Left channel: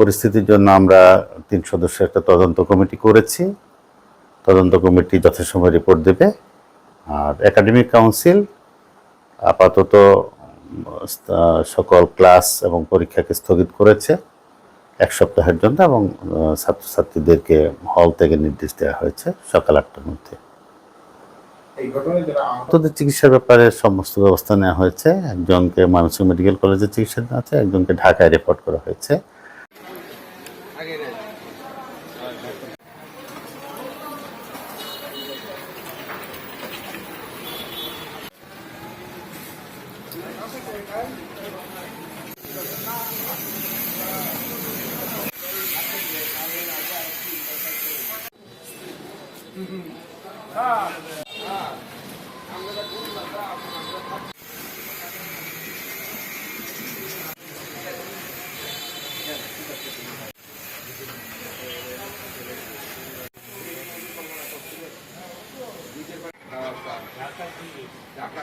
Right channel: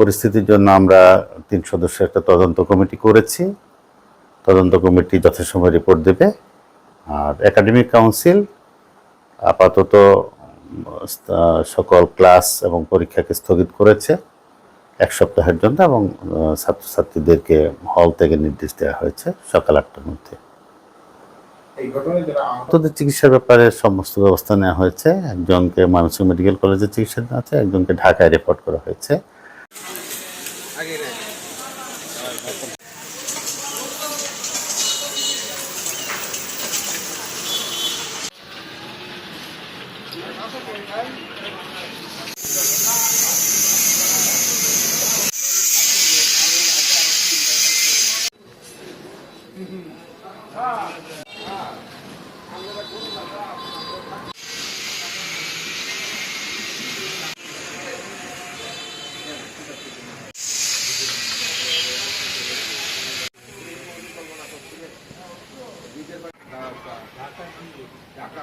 পরিস্থিতির জন্য আমরা 3 সদস্যের একটা তদন্ত কমিটি করেছি। তদন্ত কমিটি যথাসময়ে রিপোর্ট দেবে। আর একাডেমিক কাউন্সিল আপাতত সকল ক্লাস এবং পরীক্ষাকে স্থগিত করেছে 1 সপ্তাহের জন্য, এবং ছাত্রছাত্রীদেরকে হল থেকে নির্দেশ দেওয়া হয়েছে সকাল 8টার মধ্যে। আহতদের চিকিৎসার ব্যাপারে সমস্ত ব্যবস্থা নেওয়া হয়েছে। একজনকে ময়মনসিংহ মেডিকেল কলেজে চিকিৎসা দেওয়া আছে, একজনকে ঢাকায় রেফার করা হয়েছে। ঢাকা